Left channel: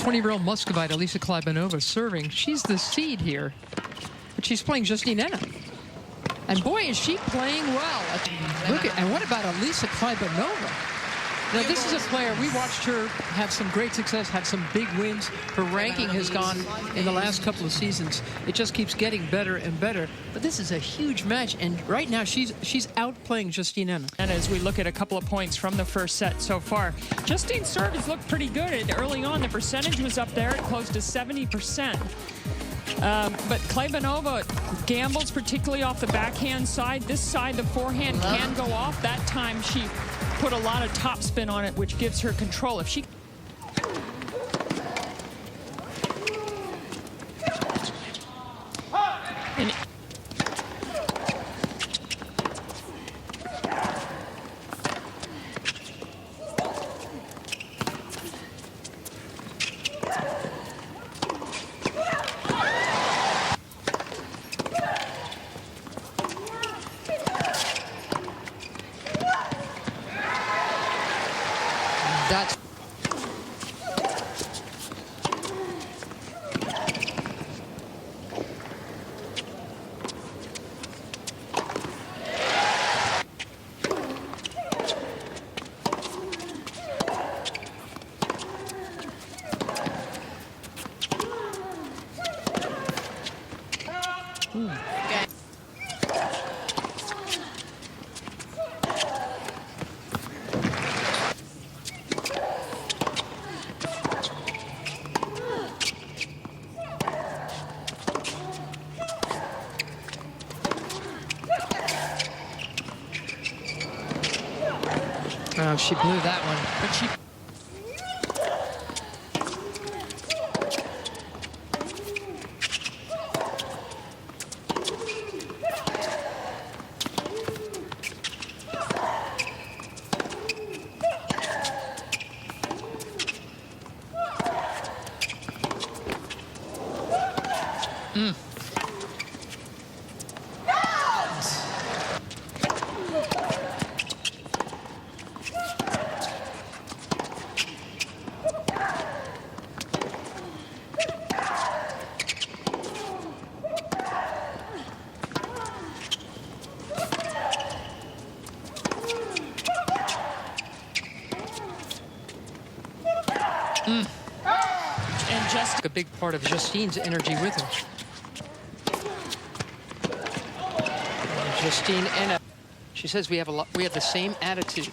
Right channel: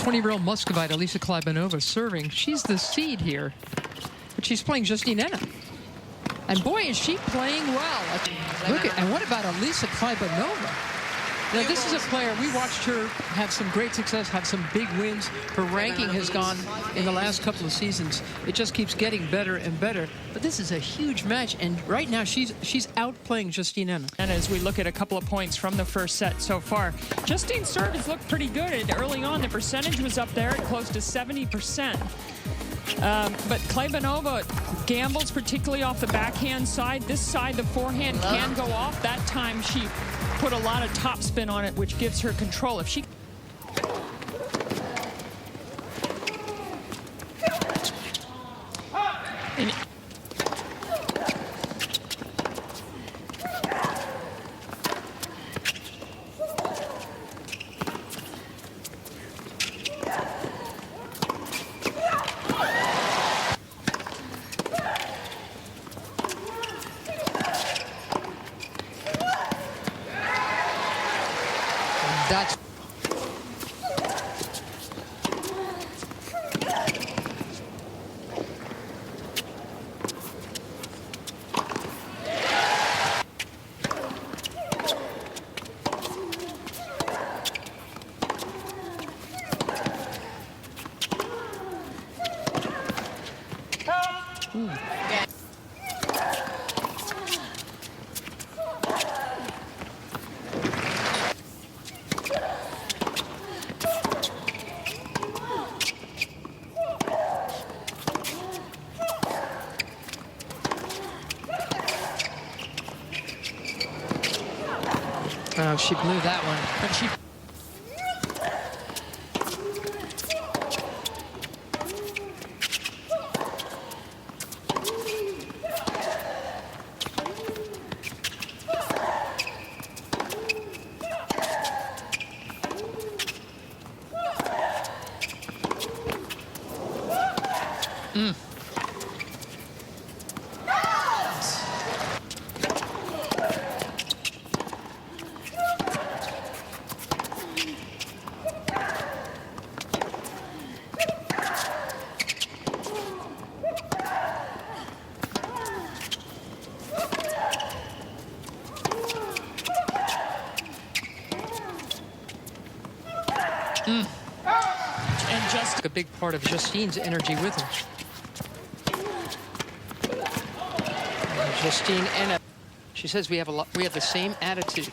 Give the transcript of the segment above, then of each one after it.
20-year-old Muscovite, Elisa Kleybanova, serving. She's the seed here, but she's playing Justine Henin. And boy, is she playing well. Look at, and what about Elisa Kleybanova? Now, this is a player, we watched her have some great success, have some big wins. Her ranking has gone in the last couple of seasons. It just keeps getting better and better. But this is a huge match, and right now she's outplaying Justine Henin. And as we look at a couple of points from the first set so far, Justine's serve has looked pretty good. Early on, the percentage was up there at close to 70%. But Kleybanova gambles, particularly off the backhand side. This side, the forehand can go off. That time she put a lot of topspin on it, which gives her control. If she... And That's Okay. oh, she blew that one, but she. and just A big part of Justine's energy with her. And Justine Henin, she says we have the same attitude.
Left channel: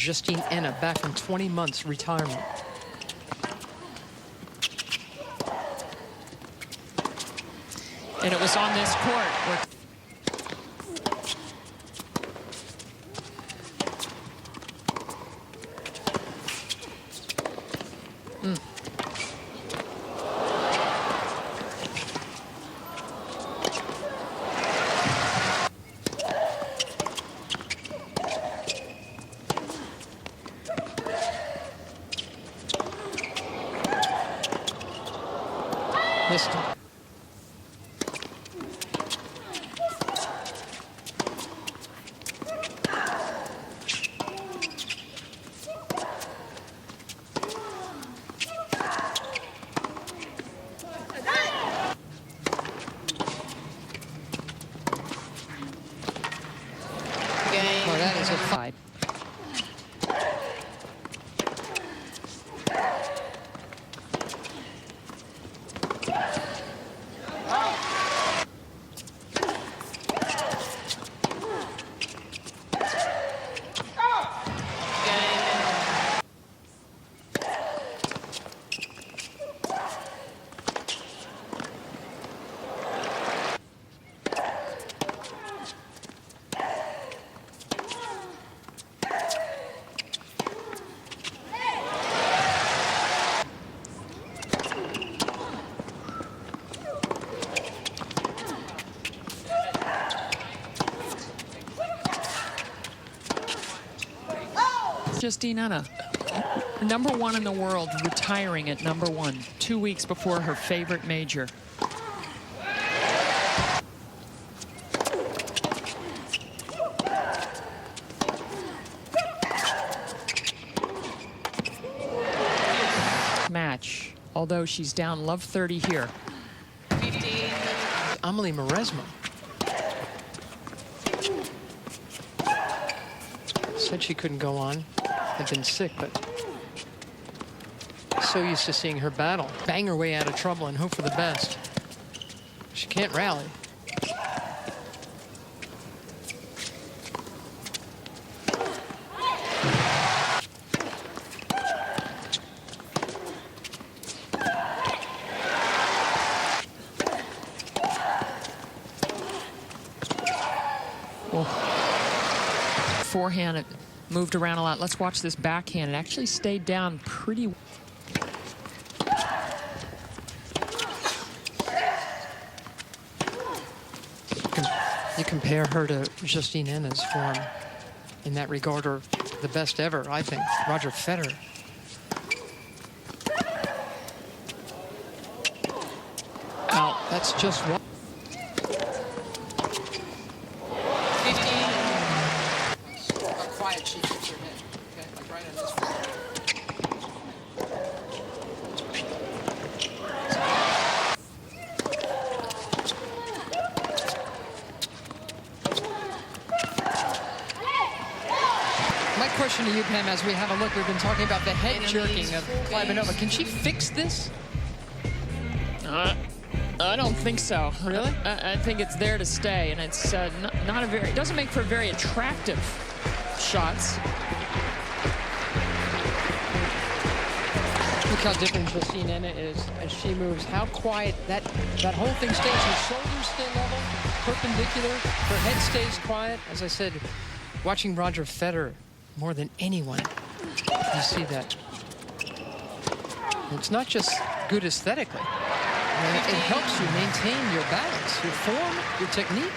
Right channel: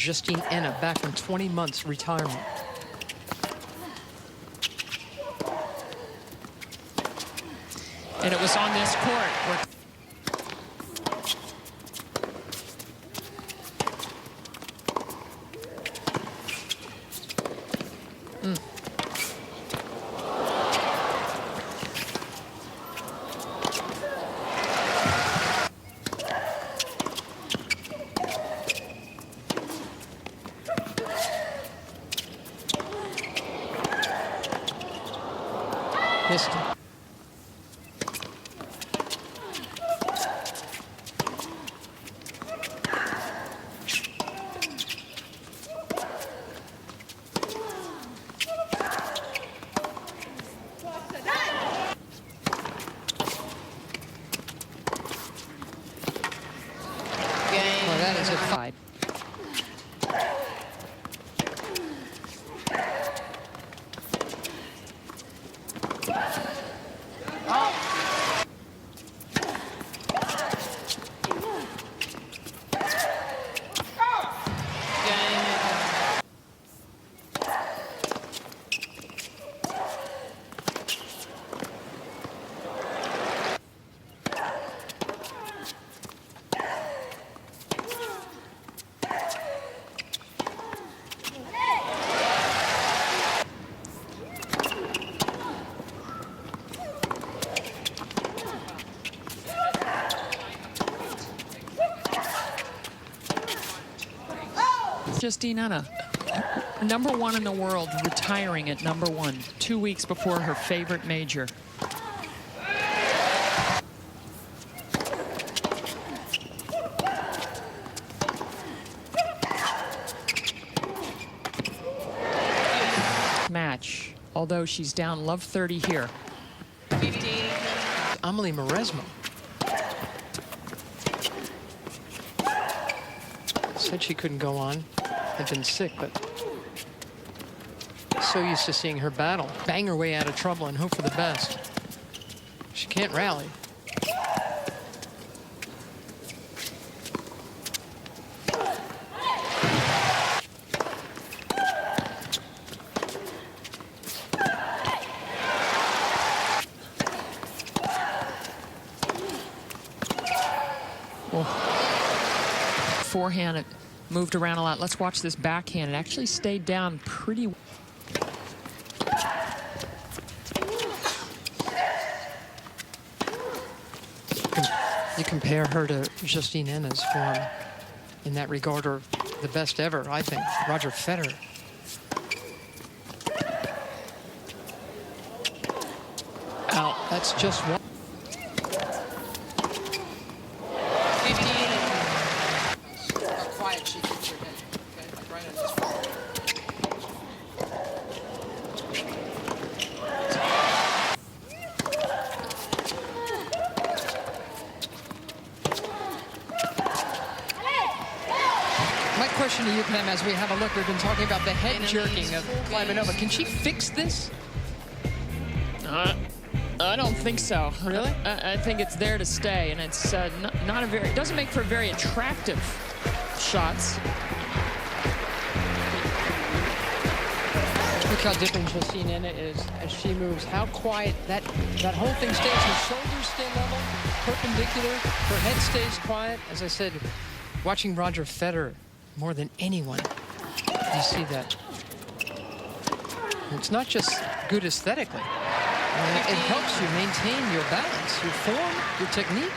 Justine Henin back from 20 months retirement. and it was on this court where Missed him. Well, that is a 5. Justine Henin, #1 in the world, retiring at #1, 2 weeks before her favorite major. Match, although she's down love 30 here. 15. Amelie Mauresmo said she couldn't go on, had been sick, but so used to seeing her battle, bang her way out of trouble and hope for the best. She can't rally. Well, forehand, it moved around a lot. Let's watch this backhand. It actually stayed down pretty well. You compare her to Justine Henin's form in that regard, or the best ever, I think, Roger Federer. Out. That's just one. 15. How quiet she keeps her head. Okay, like right on this front. My question to you, Pam, as we have a look, we've been talking about the head jerking of Kleybanova. Can she fix this? I don't think so. Really? I think it's there to stay, and it's not a very. It doesn't make for very attractive shots. Look how different Justine Henin is as she moves. How quiet that whole thing stays. Her shoulders stay level, perpendicular. Her head stays quiet. As I said, watching Roger Federer more than anyone, you see that. It's not just good aesthetically. It helps you maintain your balance, your form, your technique.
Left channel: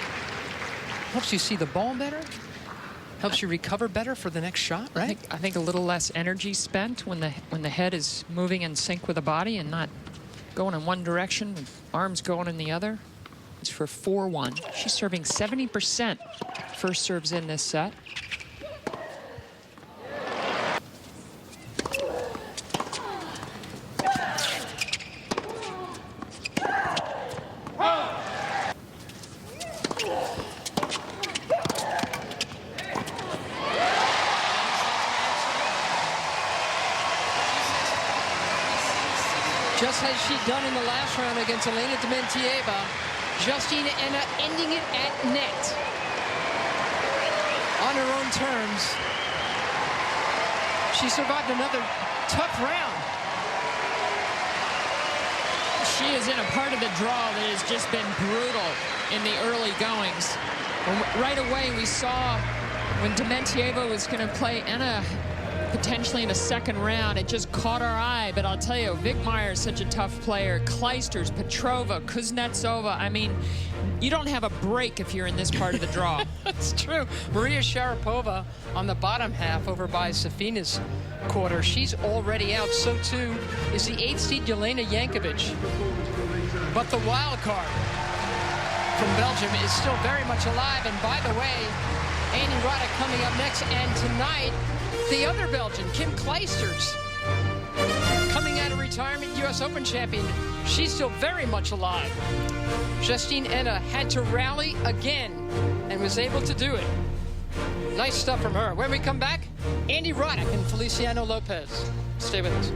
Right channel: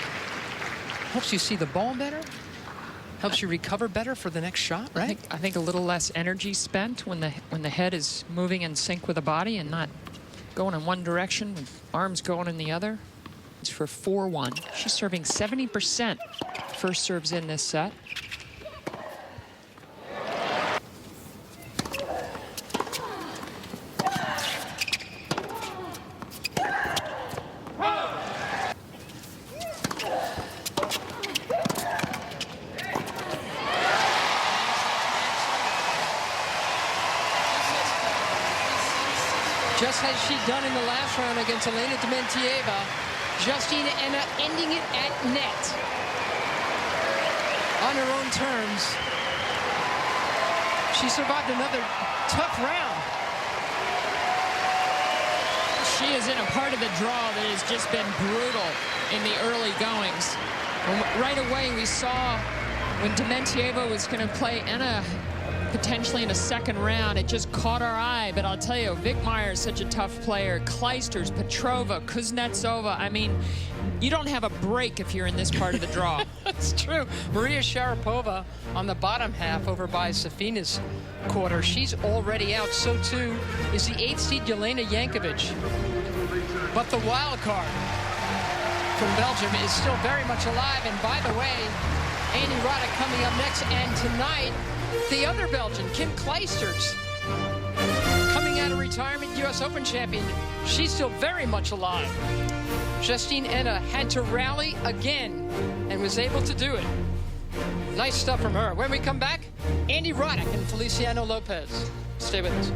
Helps you see the ball better. Helps you recover better for the next shot, right? I think a little less energy spent when the head is moving in sync with the body and not going in one direction with arms going in the other. It's for 4-1. She's serving 70% first serves in this set. Just as she'd done in the last round against Elena Dementieva, Justine Henin ending it at net. On her own terms. She survived another tough round. She is in a part of the draw that has just been brutal in the early goings. Right away, we saw when Dementieva was going to play Henin potentially in a second round, it just caught our eye. But I'll tell you, Wickmeyer is such a tough player. Kleisters, Petrova, Kuznetsova. I mean, you don't have a break if you're in this part of the draw. That's true. Maria Sharapova on the bottom half over by Safina's quarter. She's already out. So too is the 8th seed Jelena Jankovic. But the wild card from Belgium is still very much alive. And by the way, Andy Roddick coming up next. And tonight, the other Belgian, Kim Kleisters, coming out of retirement, U.S. Open champion. She's still very much alive. Justine Henin had to rally again and was able to do it. Nice stuff from her. When we come back, Andy Roddick and Feliciano Lopez. Stay with us.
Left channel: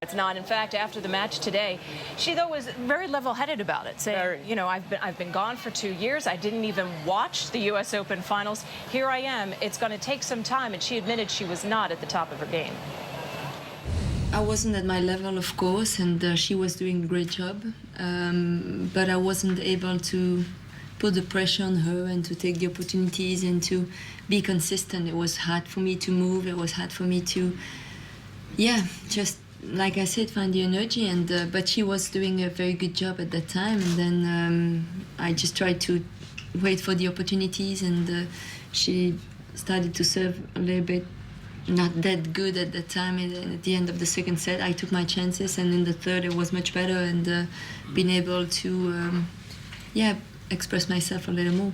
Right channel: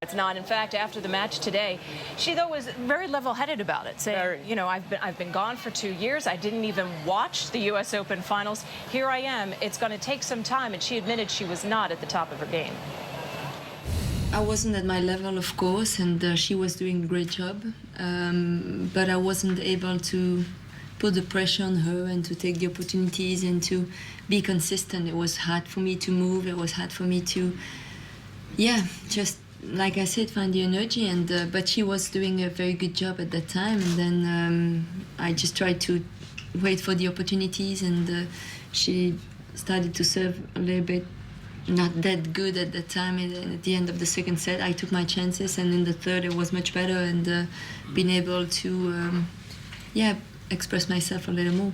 It's not. In fact, after the match today, she, though, was very level-headed about it, saying, you know, I've been gone for 2 years. I didn't even watch the U.S. Open finals. Here I am. It's going to take some time. And she admitted she was not at the top of her game. I wasn't at my level, of course, and she was doing a great job. But I wasn't able to put the pressure on her and to take the opportunities and to be consistent. It was hard for me to move. It was hard for me to, just, like I said, find the energy. And but she was doing a very good job at that time. And then I just tried to wait for the opportunities, and she started to serve a little bit not that good at that time. And at the end of the second set, I took my chances, and in the third, it was much better, and being able to, express myself a little more.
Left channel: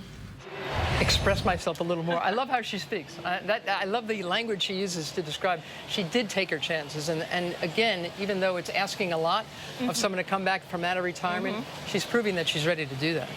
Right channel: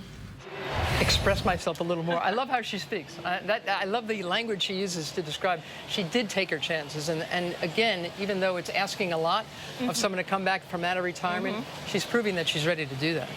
Express myself a little more. I love how she speaks. I love the language she uses to describe. She did take her chances, and again, even though it's asking a lot of someone to come back from out of retirement, she's proving that she's ready to do that.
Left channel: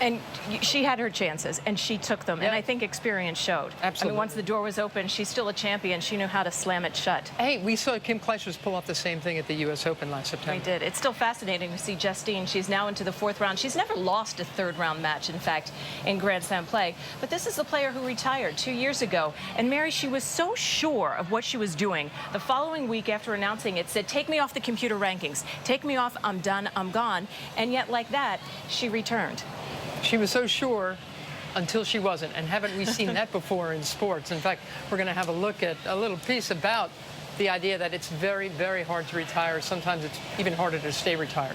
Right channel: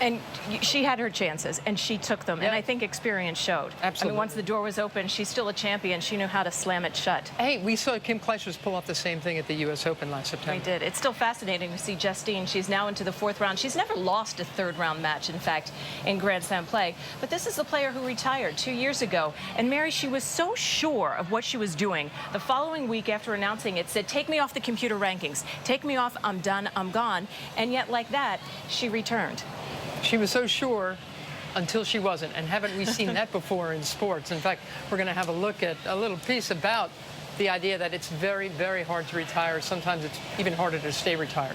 And she had her chances, and she took them. Yeah. And I think experience showed. Absolutely. I mean, once the door was open, she's still a champion. She knew how to slam it shut. Hey, we saw Kim Clijsters pull off the same thing at the U.S. Open last September. We did. It's still fascinating to see Justine. She's now into the fourth round. She's never lost a third-round match, in fact, in Grand Slam play. But this is the player who retired 2 years ago. And Mary, she was so sure of what she was doing. The following week after announcing it, said, take me off the computer rankings. Take me off. I'm done. I'm gone. And yet, like that, she returned. She was so sure until she wasn't, and haven't we seen that before in sports? In fact, we're going to have a look at a little piece about the idea that it's very, very hard to retire. Sometimes it's even harder to stay retired.